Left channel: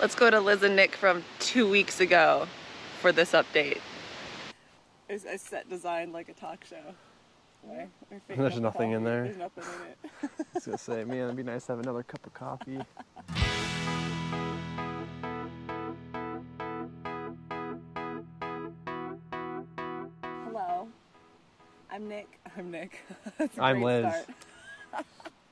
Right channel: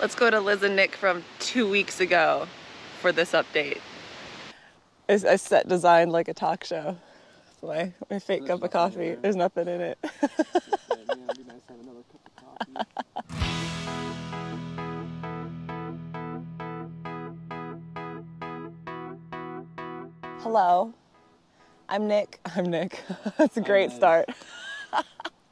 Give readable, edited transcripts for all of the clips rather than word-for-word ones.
Let's go to Liz and Nick from 2 weeks ago for this update. I set designed like a talk show. My fake cup of coffee. There's nothing in it. I was gonna say, man, it'd be nice to have another cup of coffee. Hello, I'm Nick. That's a great start.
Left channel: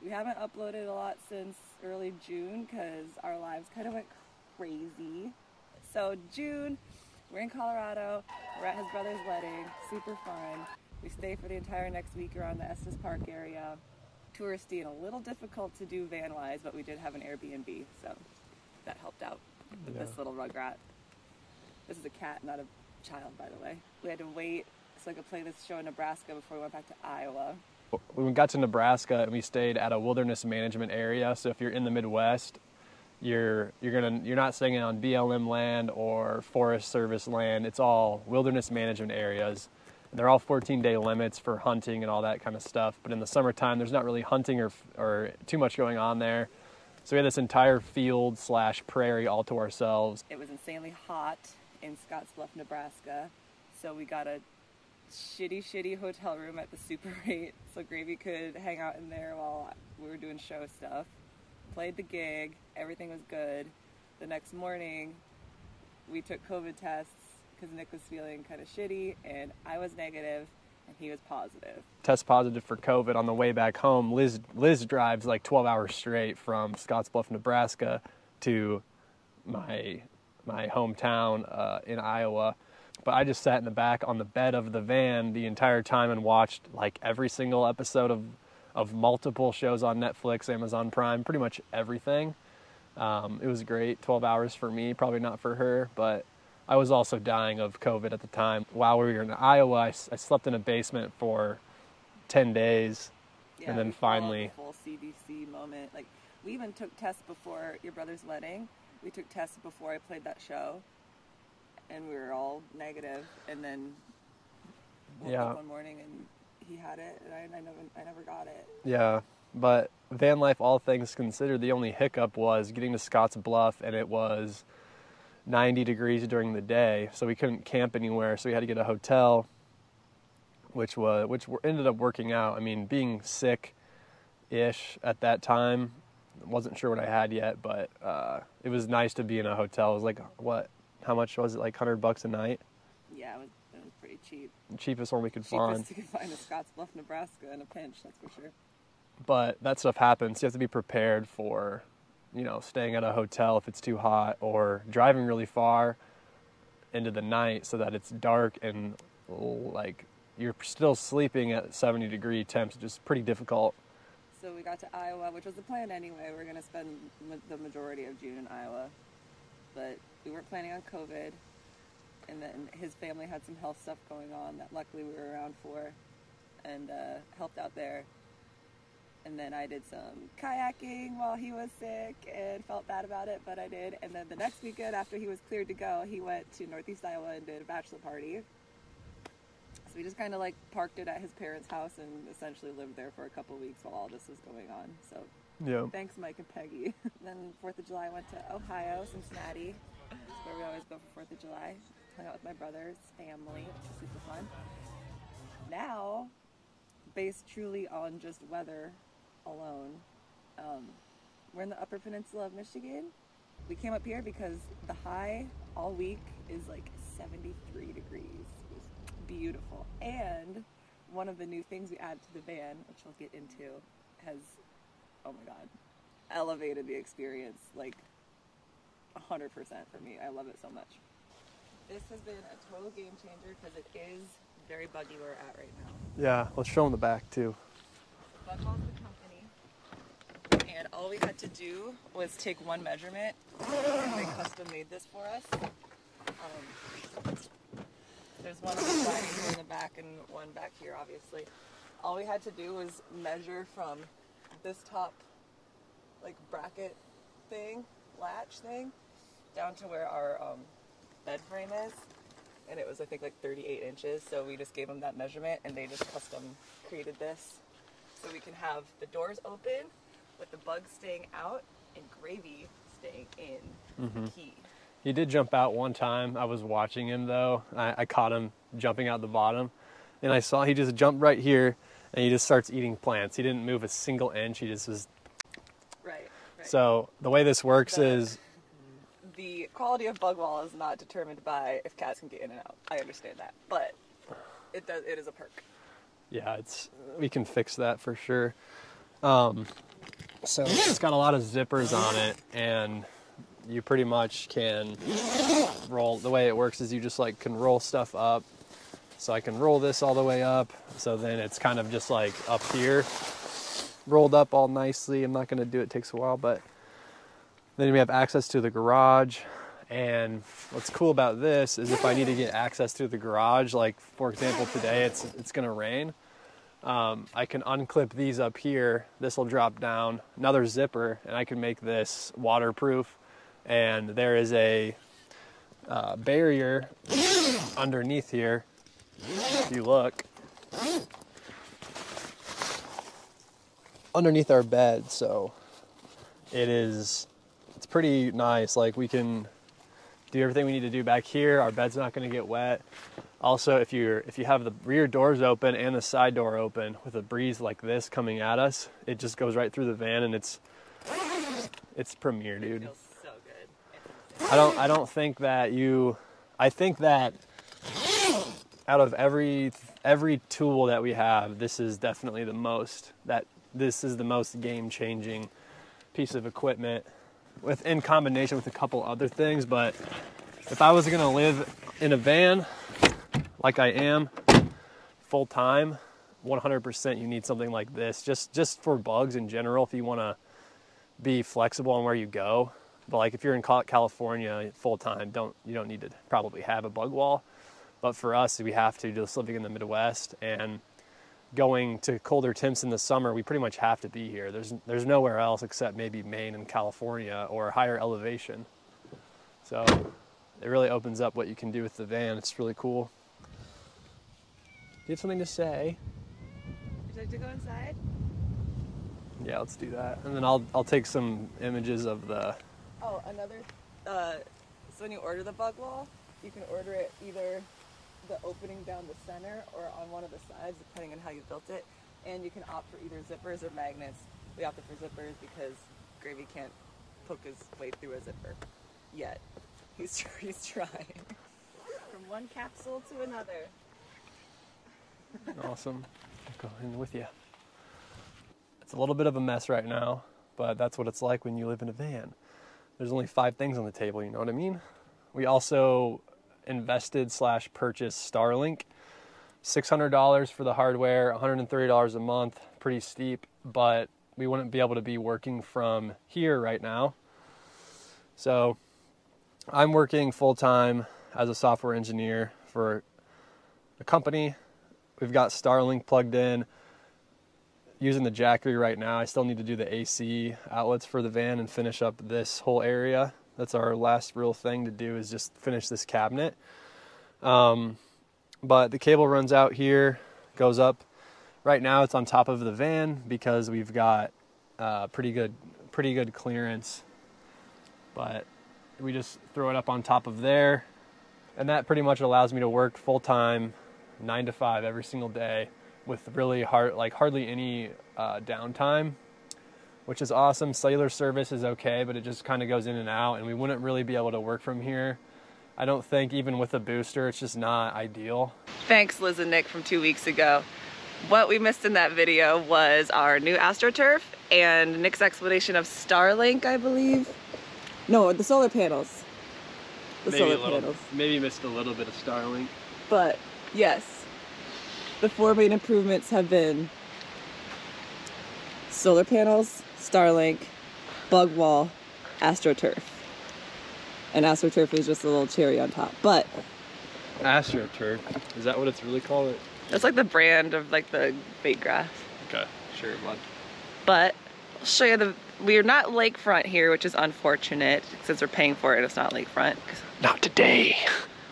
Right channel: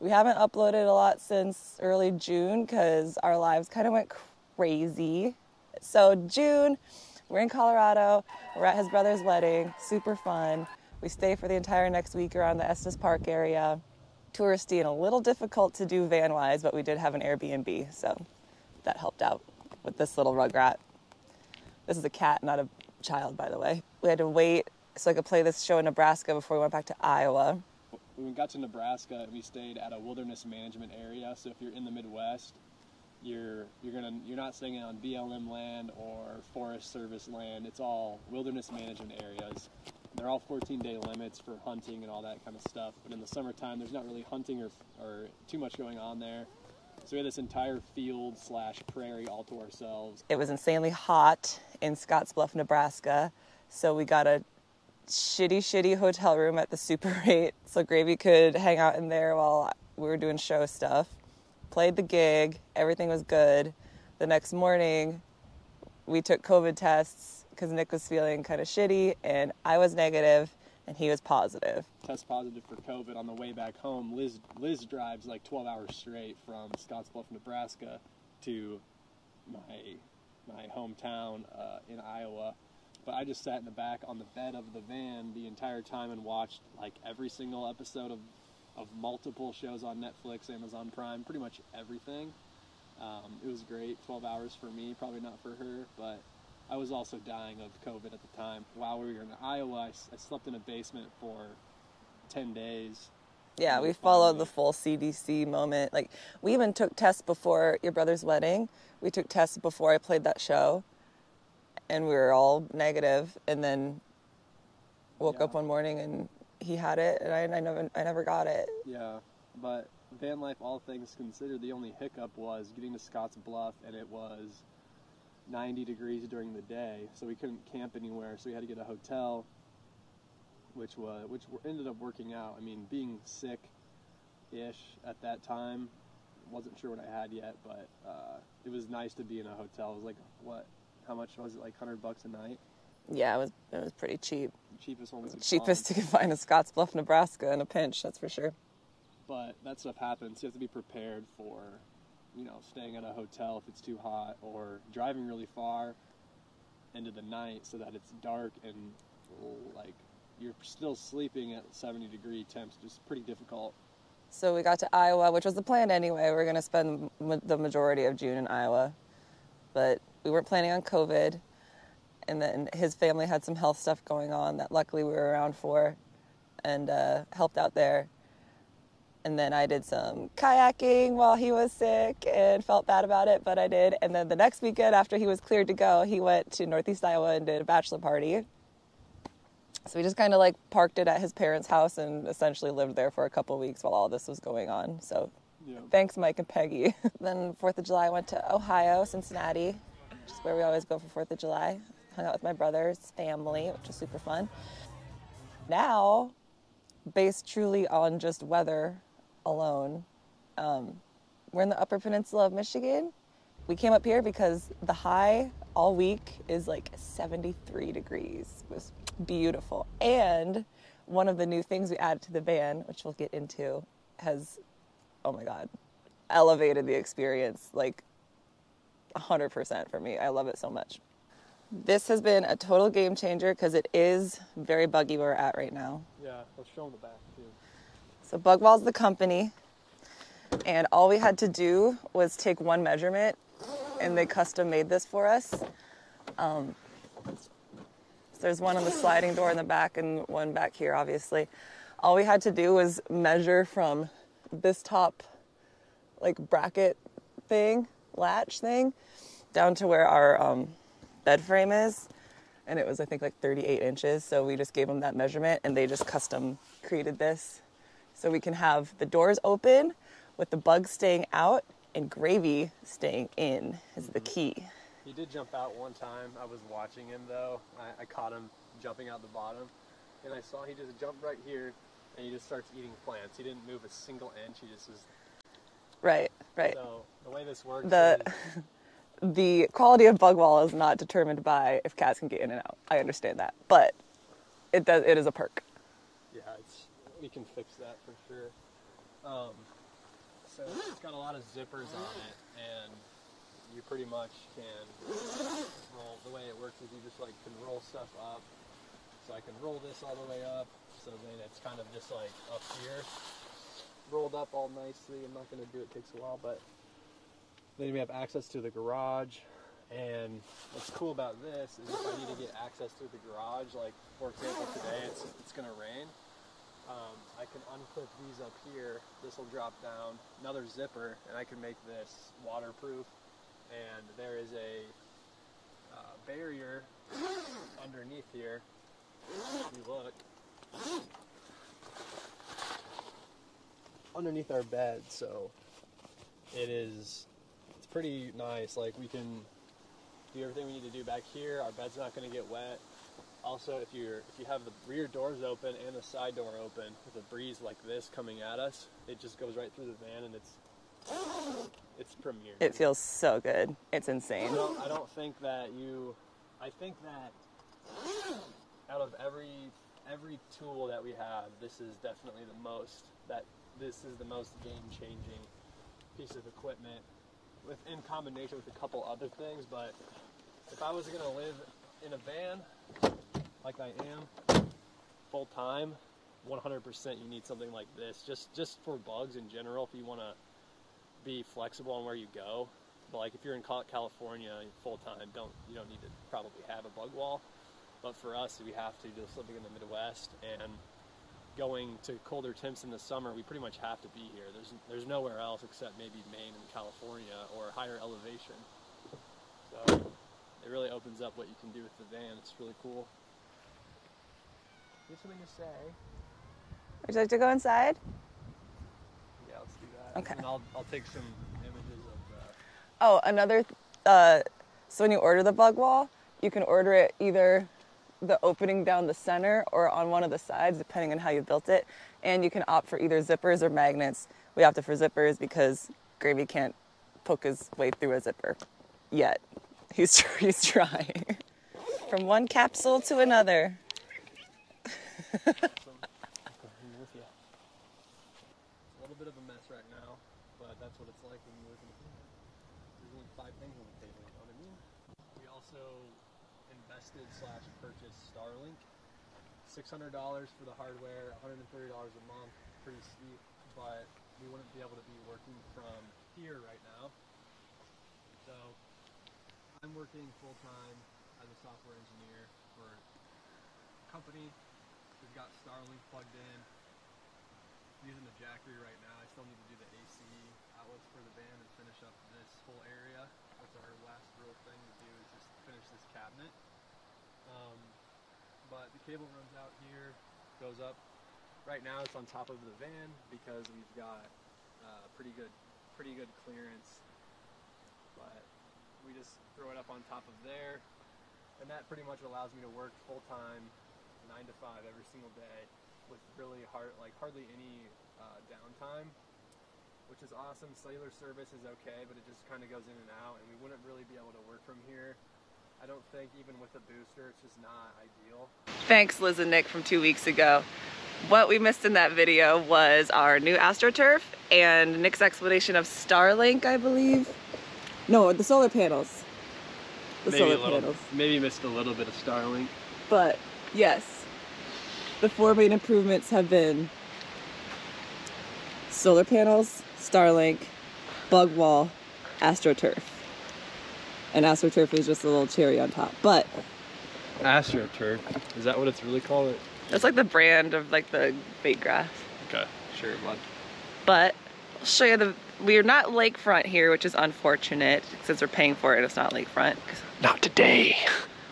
We haven't uploaded a lot since early June because our lives kind of went crazy. So June, we're in Colorado. We're at his brother's wedding. Super fun. We stay for the entire next week around the Estes Park area. Touristy and a little difficult to do van-wise, but we did have an Airbnb, so that helped out with this little rugrat. This is a cat, not a child, by the way. We had to wait so I could play this show in Nebraska before we went back to Iowa. When we got to Nebraska, and we stayed at a wilderness management area. So if you're in the Midwest, you're not staying on BLM land or Forest Service land. It's all wilderness management areas. They're all 14-day limits for hunting and all that kind of stuff. But in the summertime, there's not really hunting or too much going on there. So we had this entire field / prairie all to ourselves. It was insanely hot in Scottsbluff, Nebraska. So we got a shitty hotel room at the Super 8 so Gravy could hang out in there while we were doing show stuff. Played the gig, everything was good. The next morning, we took COVID tests because Nick was feeling kind of shitty and I was negative and he was positive. Test positive for COVID on the way back home. Liz drives like 12 hours straight from Scottsbluff, Nebraska to my hometown in Iowa. But I just sat in the back on the bed of the van the entire time and watched like every single episode of multiple shows on Netflix, Amazon Prime, pretty much everything. It was great, 12 hours for me, probably not for her, but I was also dying of COVID at the time. While we were in Iowa, I slept in a basement for 10 days. Yeah, we followed the full CDC moment. Like, we even took tests before your brother's wedding. We took tests before I played that show. And we were all negative, and then woke up one morning and he had it, and I never got it. Yeah, but van life, all things considered, the only hiccup was getting to Scottsbluff, and it was 90 degrees during the day, so we couldn't camp anywhere, so we had to get a hotel, which ended up working out. I mean, being sick-ish at that time, wasn't sure what I had yet, but it was nice to be in a hotel. It was like, how much was it? Like $100 a night? Yeah, it was pretty cheap. The cheapest one we could find. Cheapest you could find in Scottsbluff, Nebraska in a pinch, that's for sure. But that stuff happens. You have to be prepared for, staying at a hotel if it's too hot, or driving really far into the night so that it's dark and like you're still sleeping at 70-degree temps. Just pretty difficult. So we got to Iowa, which was the plan anyway. We were going to spend the majority of June in Iowa. But we weren't planning on COVID, and then his family had some health stuff going on that luckily we were around for and helped out there. And then I did some kayaking while he was sick and felt bad about it, but I did. And then the next weekend after he was cleared to go, he went to Northeast Iowa and did a bachelor party. So we just kind of like parked it at his parents' house and essentially lived there for a couple weeks while all this was going on. So. Yeah. Thanks, Mike and Peggy. Then 4th of July, I went to Ohio, Cincinnati, which is where we always go for 4th of July. Hung out with my brother's family, which was super fun. Now, based truly on just weather alone, we're in the Upper Peninsula of Michigan. We came up here because the high all week is like 73 degrees. It was beautiful. And one of the new things we added to the van, which we'll get into, has, oh my God, elevated the experience like 100% for me. I love it so much. This has been a total game changer because it is very buggy where we're at right now. Yeah, let's show them the back too. So Bugwall's the company, and all we had to do was take one measurement, and they custom made this for us. So there's one on the sliding door in the back and one back here, obviously. All we had to do was measure from this top like bracket thing, latch thing, down to where our bed frame is, and it was I think like 38 inches. So we just gave them that measurement and they just custom created this so we can have the doors open with the bugs staying out and Gravy staying in is the key. He did jump out one time. I was watching him though. I caught him jumping out the bottom, and I saw he just jumped right here, and he just starts eating plants. He didn't move a single inch. He just was. Right. So the way this works is the quality of bug wall is not determined by if cats can get in and out. I understand that, but it is a perk. Yeah, we can fix that for sure. So it's got a lot of zippers on it, and you pretty much can roll. The way it works is you just like can roll stuff up. So I can roll this all the way up. So then it's kind of just like up here, rolled up all nicely. I'm not going to do it. It takes a while, but then we have access to the garage. And what's cool about this is if I need to get access to the garage, like for example today it's going to rain, I can unclip these up here. This will drop down, another zipper, and I can make this waterproof. And there is a barrier underneath here. If you look underneath our bed, so it's pretty nice. Like we can do everything we need to do back here. Our bed's not going to get wet. Also, if you have the rear doors open and the side door open with a breeze like this coming at us, it just goes right through the van, and it's premier, dude. It feels so good. It's insane. I don't think that I think that out of every tool that we have, this is definitely this is the most game-changing piece of equipment in combination with a couple other things. But if I was going to live in a van like I am full time, 100% you need something like this, just for bugs in general, if you want to be flexible on where you go. But like if you're in California full time, you don't need to probably have a bug wall. But for us, we have to, just living in the Midwest and going to colder temps in the summer, we pretty much have to be here. There's nowhere else except maybe Maine and California or higher elevation. So it really opens up what you can do with the van. It's really cool. You have something to say? Would you like to go inside? Yeah, let's do that. Okay. And then I'll take some images of the... Oh, another, so when you order the bug wall, you can order it either the opening down the center or on one of the sides, depending on how you built it. And you can opt for either zippers or magnets. We opted for zippers because Gravy can't poke his way through a zipper yet. He's trying. From one capsule to another. Awesome. I'll go in with you. It's a little bit of a mess right now, but that's what it's like when you live in a van. There's only 5 things on the table, you know what I mean? We also invested/purchased Starlink. $600 for the hardware, $130 a month, pretty steep, but we wouldn't be able to be working from here right now. So I'm working full-time as a software engineer for a company. We've got Starlink plugged in, using the Jackery right now. I still need to do the AC outlets for the van and finish up this whole area. That's our last real thing to do, is just finish this cabinet. But the cable runs out here, goes up. Right now it's on top of the van because we've got pretty good clearance. But we just throw it up on top of there, and that pretty much allows me to work full time, 9 to 5 every single day, with really hardly any downtime, which is awesome. Cellular service is okay, but it just kind of goes in and out, and we wouldn't really be able to work from here. I don't think, even with a booster, it's just not ideal. Thanks, Liz and Nick from 2 weeks ago. What we missed in that video was our new AstroTurf and Nick's explanation of Starlink, I believe. No, the solar panels. Maybe missed a little bit of Starlink. But yes, the 4 main improvements have been solar panels, Starlink, bug wall, AstroTurf. And AstroTurf is just a little cherry on top. But AstroTurf, is that what it's really called? that's like the brand of like the bait grass. Okay, sure, bud. But I'll show you we're not lakefront here, which is unfortunate since we're paying for it. It's not lakefront. Not today.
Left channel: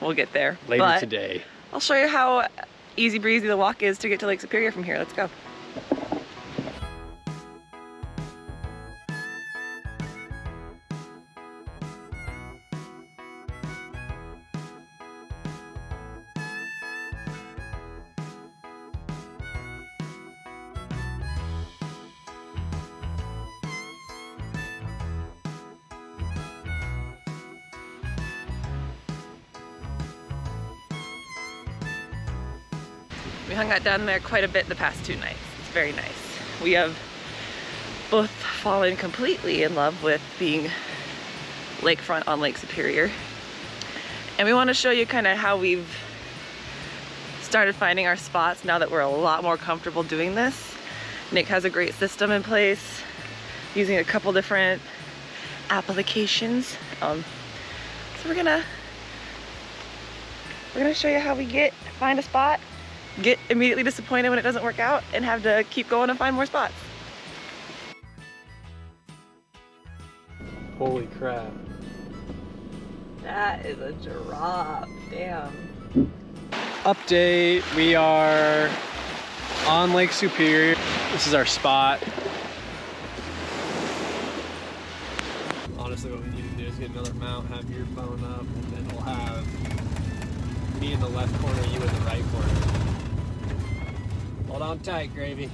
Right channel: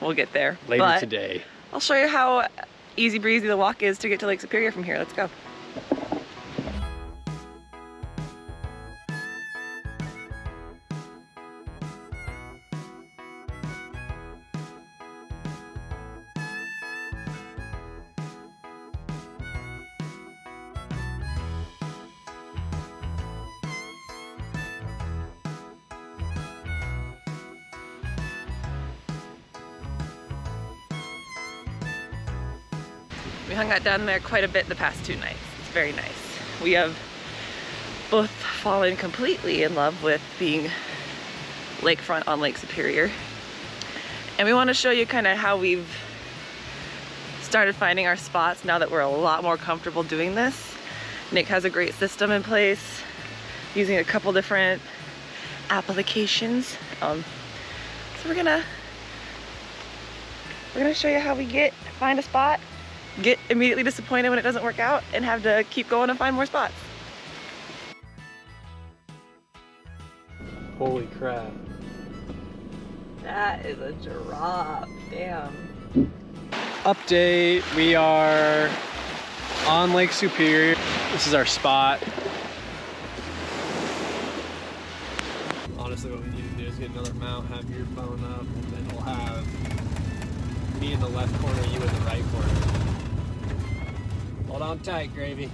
We'll get there. Later but today. I'll show you how easy breezy the walk is to get to Lake Superior from here. Let's go. We hung out down there quite a bit the past 2 nights. It's very nice. We have both fallen completely in love with being lakefront on Lake Superior. And we want to show you kind of how we've started finding our spots now that we're a lot more comfortable doing this. Nick has a great system in place, using a couple different applications. So we're gonna show you how we find a spot, get immediately disappointed when it doesn't work out, and have to keep going and find more spots. Holy crap. That is a drop, damn. Update, we are on Lake Superior. This is our spot. Honestly, what we need to do is get another mount, have your phone up, and then we'll have me in the left corner, you in the right corner. Hold on tight, Gravy.